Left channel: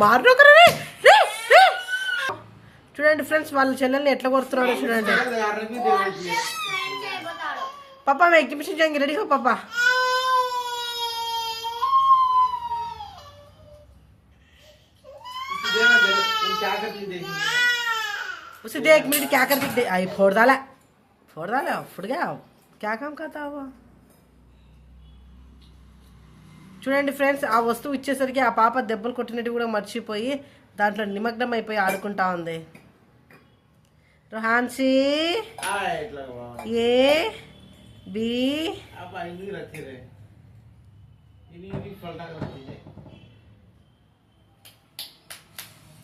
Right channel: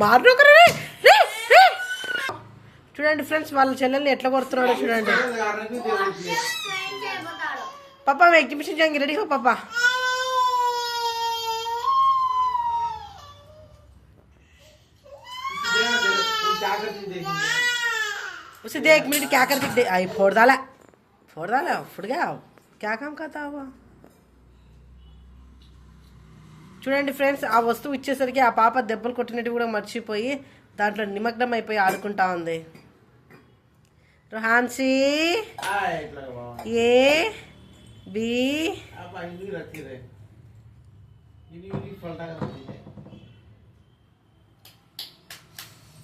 మారు చూడండి ఫ్రెండ్స్, వాళ్ళ చెల్లెల్ని ఎట్లా కొడుతున్నాడో చూడండి. पापा मैं एग्जीबिशन जाएंगे, रेडी हो पापा? उसे देख मेरी क्या करके दे आई फोड़ डाला फुट गया. क्या काम करता हुआ చూడండి ఫ్రెండ్స్, ఆ వస్తువు ఇచ్చేసరికి ఆ పాప దెబ్బలు కొట్టినట్టు కూడా మర్చిపోయి దాంట్లో నిమగ్నం అయిపోయి ఆడుకుంటా ఉంది. रोहानसी ये बी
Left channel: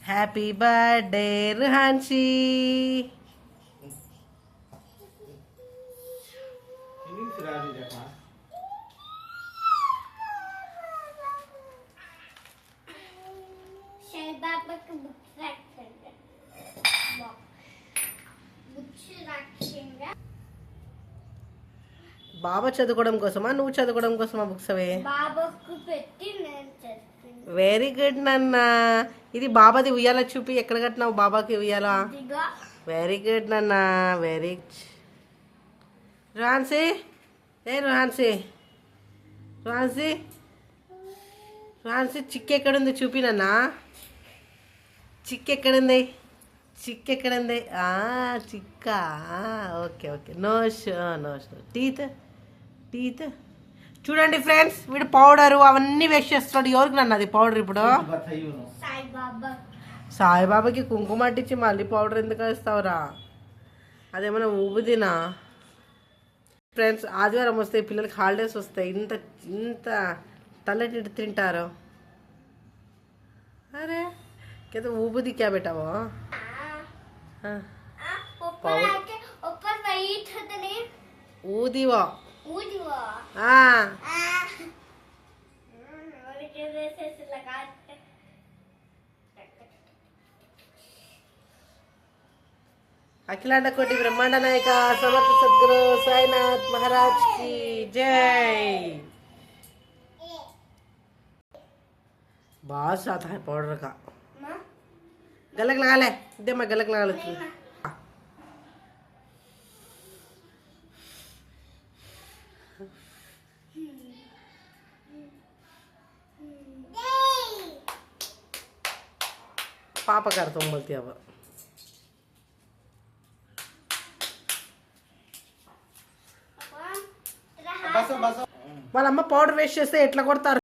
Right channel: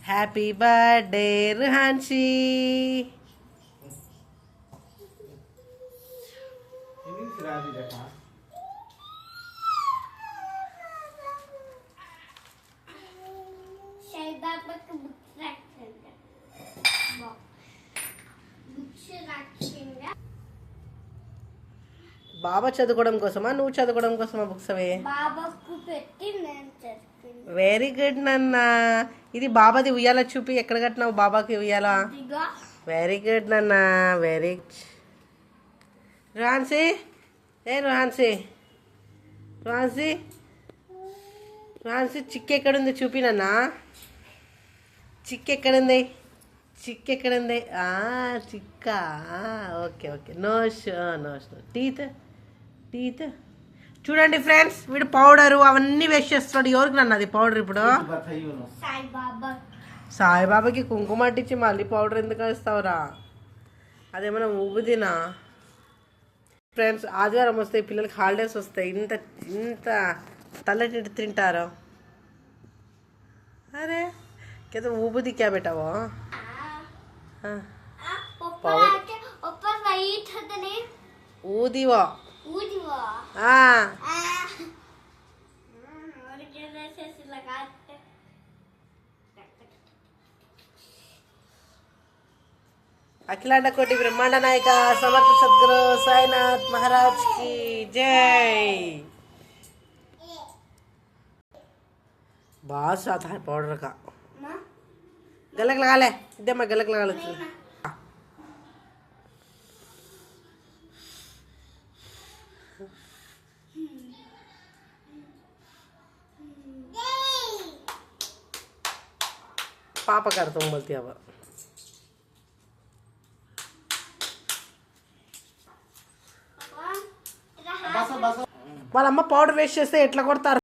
हैप्पी बर्थडे रोहानसी. బాబా చదువుకోవడం కోసమా నువ్వు చదువుకోవడం కోసమా బుక్స్ అవి? వెరీ గుడ్ నాన్న. ఇది బాబాది ఉయ్యాల చూపి ఎక్కడ కట్టినావు బాబాకి ఉయ్యాల? వెరీ గుడ్ నాన్న, వెరీ. రుహాన్సీ రుహాన్సీ రుహాన్సీ రుహాన్సీ చిక్కు ఎక్కడుంది చూపి నాన్న. చిక్కు ఎక్కడుంది? చిక్కు ఎక్కడుంది? చిక్క. Okay okay. Nose nose. Teeth teeth. చూడండి ఫ్రెండ్స్, వీడు పౌడరు అవన్నీ వేస్ట్ చేస్తున్నాడు. ఎవరికి నన్ను అది పౌడర్? ఇప్పుడు సాయిబాబాకి కుంకుమ అట్టించి మళ్ళీ పౌడర్ ఎందుకు వేస్తావురా? అదేమన్నా ఊబుదినా? ఫ్రెండ్స్, ఆదివారం వస్తాయి, పిల్లలకి హాలిడేస్ వస్తాయి. ఇంత ఇంత తల్లటి తింటారు. అరే क्या ऊबुदी क्या बेटा वो? ऊदी वो अखिलांड कोटि ब्रह्मांड नायक समर्थ सद्गुरु साईनाथ महाराज की जय. बास आता है पाउडर का. गलक लगा ले, दे मैं गलक लगा लेती हूँ. पापा करता हूँ बोलती अब. వాళ్ళమ్మ పౌడర్ వేస్ట్ చేస్తే ఎట్లా కొడతారు?